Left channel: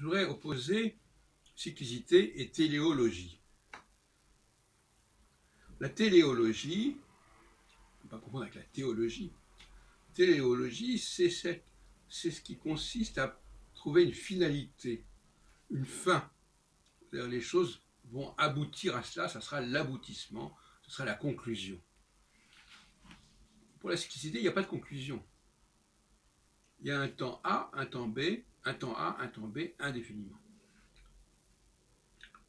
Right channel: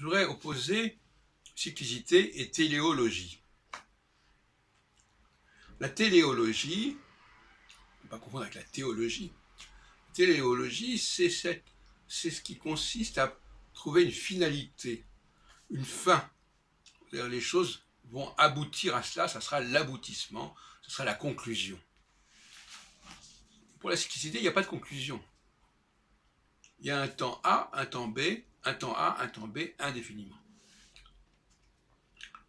je voudrais opposer cyclicité et téléologie. La téléologie, on ne peut pas confondre avec la théologie. Téléologie, c'est ce qui consiste à trouver une finalité, une fin. C'est-à-dire les choses vont aboutir à cela, ça sera l'aboutissement, ce sera la conclusion. Pour la cyclicité, il n'y a pas de conclusion. Il y a un temps A, un temps B, un temps A, un temps B, indéfiniment.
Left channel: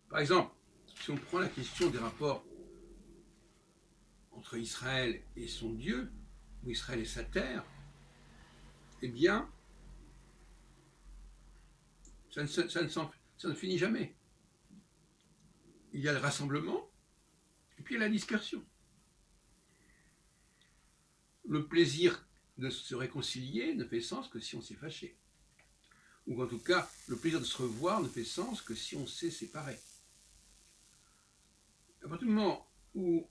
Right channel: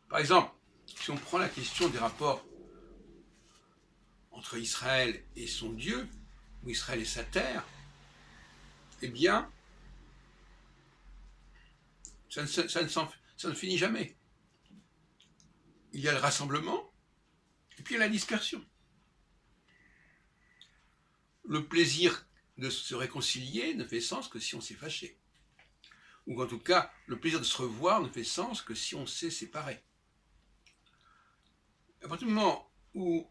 Par exemple, si on prend la question des rapports entre Israël et son Dieu, ou Israël et sa terre, eh bien, ça ne finit jamais. Il y a le rassemblement, et puis il y a la dispersion. Le plaisir de se réconcilier ne fait sens que si on s'est fâché. Ou en tout cas, le plaisir de se revoir ne fait sens que si on s'est séparé. À partir du moment où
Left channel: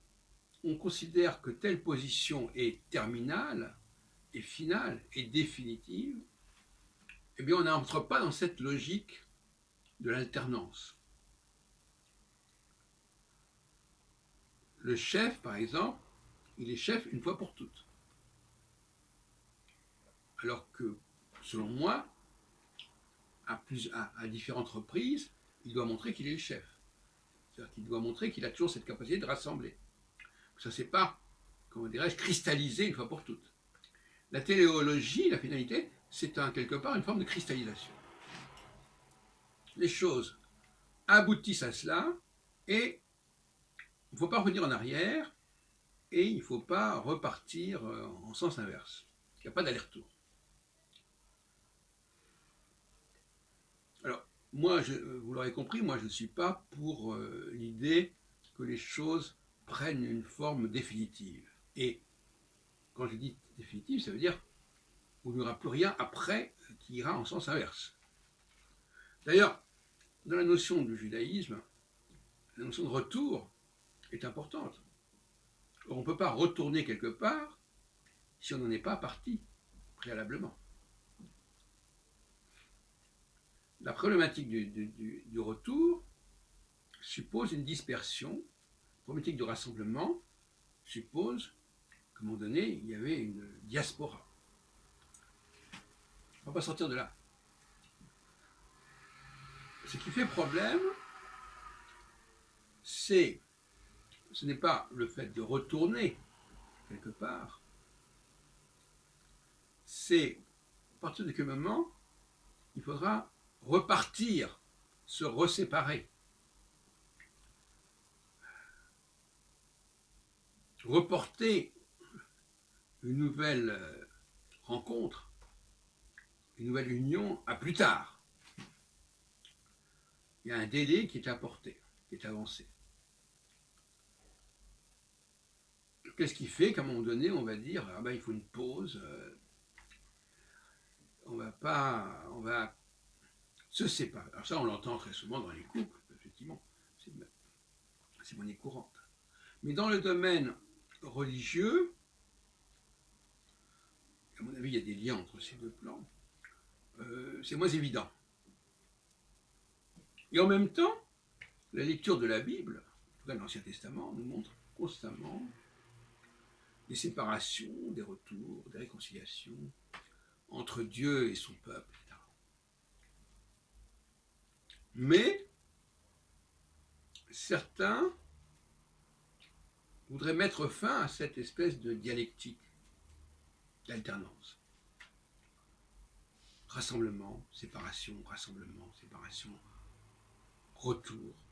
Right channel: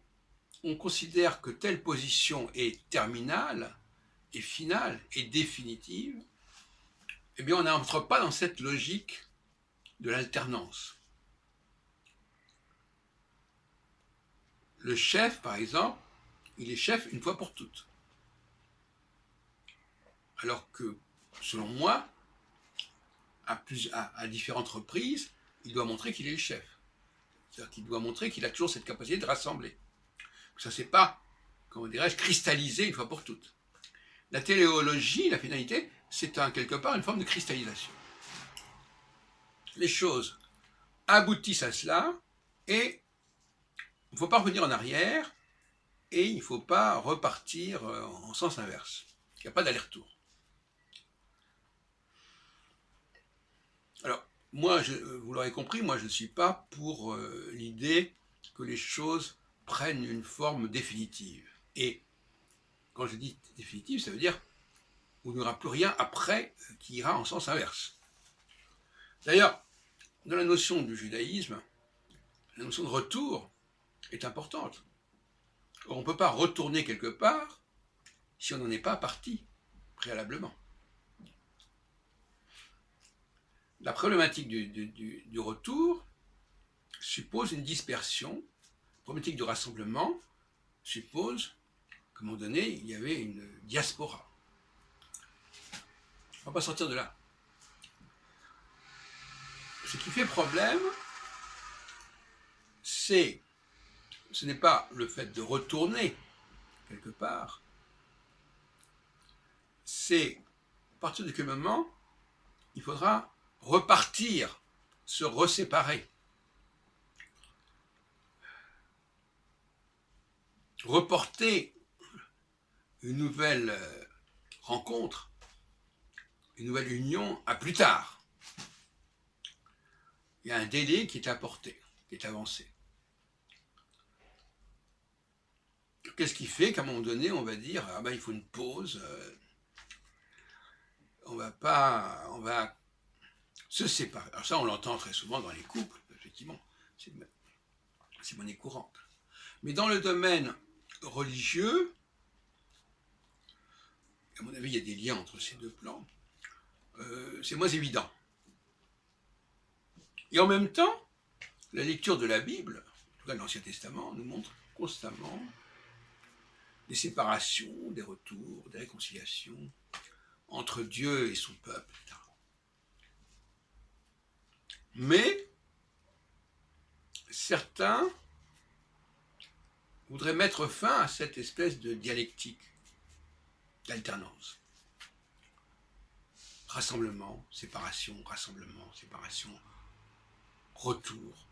on considère que telle position est terminale, est finale, est définitive, eh bien on n'entre pas dans cette logique de l'alternance. Le chef, par exemple, il est chef une fois pour toutes. Alors que, selon moi, à différentes reprises, il doit montrer qu'il est le chef. C'est-à-dire qu'il doit montrer qu'il a toujours cette capacité de rassembler. Ça ne s'est pas, comment dirais-je, cristallisé une fois pour toutes. La téléologie, la finalité, c'est quelque part une forme de cristallisation. Les choses aboutissent à cela et il ne faut pas revenir en arrière et il ne faut pas repartir en sens inverse. Il n'y a pas d'aller-retour. Alors, moi, vous l'aurez compris, moi je ne suis pas pour l'idée que les choses prennent une forme définitive. Et quand je dis définitive, ça veut dire qu'il n'y aura plus rien après qui ira en sens inverse. D'ailleurs, dans la notion du judaïsme, la notion de retour est importante. Or, on ne peut pas retourner quelque part si on n'en est pas parti préalablement. La problématique du retour suppose une dispersion. La problématique du rassemblement suppose qu'à un moment donné, il y avait une diaspora. On ne va pas sortir de là. Ce qui fait problème, ce n'est pas le fait de retourner quelque part, c'est à partir de quel moment il faudra repartir, se reséparer, reporter une nouvelle rencontre, une nouvelle union à plus tard. Il y a un délai qui est apporté, qui est avancé. Qu'est-ce qui fait qu'à un moment donné, on va dire ah ben, il faut une pause, on va se séparer. Alors ça, on l'entend très souvent dans les couples, effectivement, c'est monnaie courante. Mais dans le domaine religieux, à mon avis, il y a des liens entre ces deux plans, c'est moins évident. Et en même temps, la lecture de la Bible, en tout cas de l'Ancien Testament, nous montre constamment des séparations, des retours, des réconciliations entre Dieu et son peuple, etc. Mais certains voudraient mettre fin à cette espèce de dialectique, d'alternance. Rassemblement, séparation, retour,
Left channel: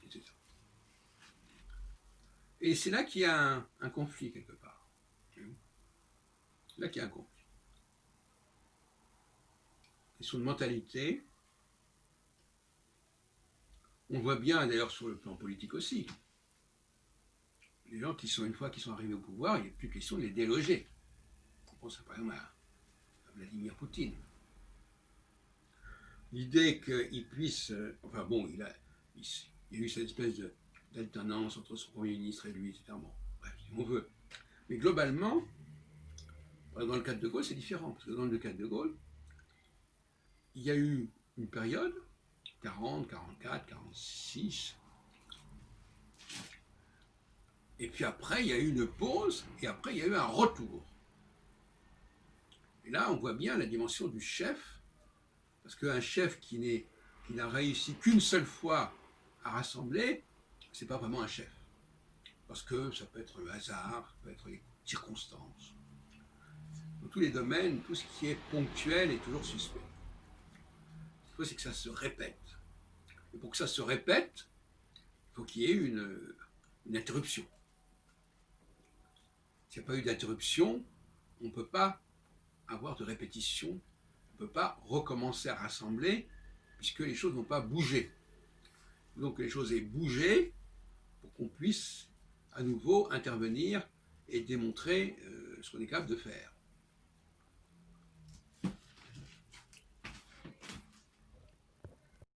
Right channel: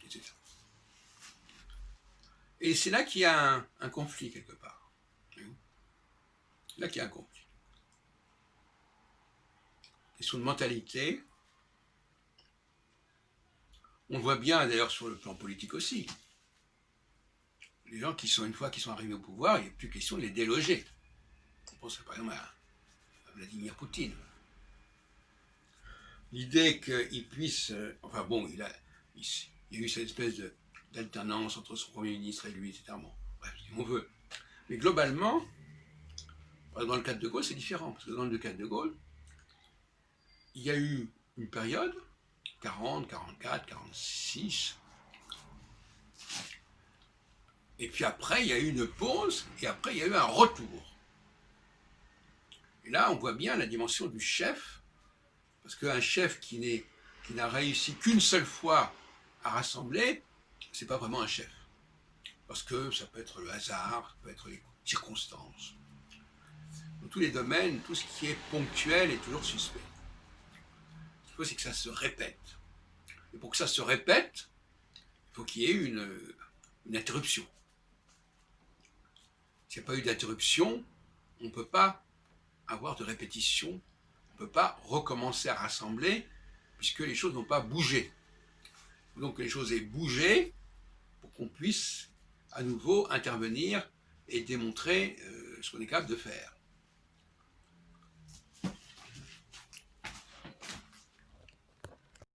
etc. Et c'est là qu'il y a un conflit quelque part. Là qu'il y a un conflit. Question de mentalité. On le voit bien d'ailleurs sur le plan politique aussi. Les gens qui sont, une fois qu'ils sont arrivés au pouvoir, il n'y a plus question de les déloger. On pense par exemple à Vladimir Poutine. L'idée qu'il puisse... enfin bon, il y a eu cette espèce d'alternance entre son Premier ministre et lui, etc. Bon, bref, si on veut. Mais globalement, dans le cas de Gaulle, c'est différent. Parce que dans le cas de Gaulle, il y a eu une période, 40, 44, 46. Et puis après, il y a eu une pause, et après, il y a eu un retour. Et là, on voit bien la dimension du chef, parce qu'un chef qui n'a réussi qu'une seule fois à rassembler, c'est pas vraiment un chef. Parce que ça peut être le hasard, ça peut être les circonstances. Dans tous les domaines, tout ce qui est ponctuel est toujours suspect. Ce qu'il faut, c'est que ça se répète. Et pour que ça se répète, il faut qu'il y ait une interruption. S'il n'y a pas eu d'interruption, on ne peut pas avoir de répétition, on ne peut pas recommencer à rassembler, puisque les choses n'ont pas bougé. Donc les choses aient bougé pour qu'on puisse à nouveau intervenir et démontrer ce qu'on est capable de faire.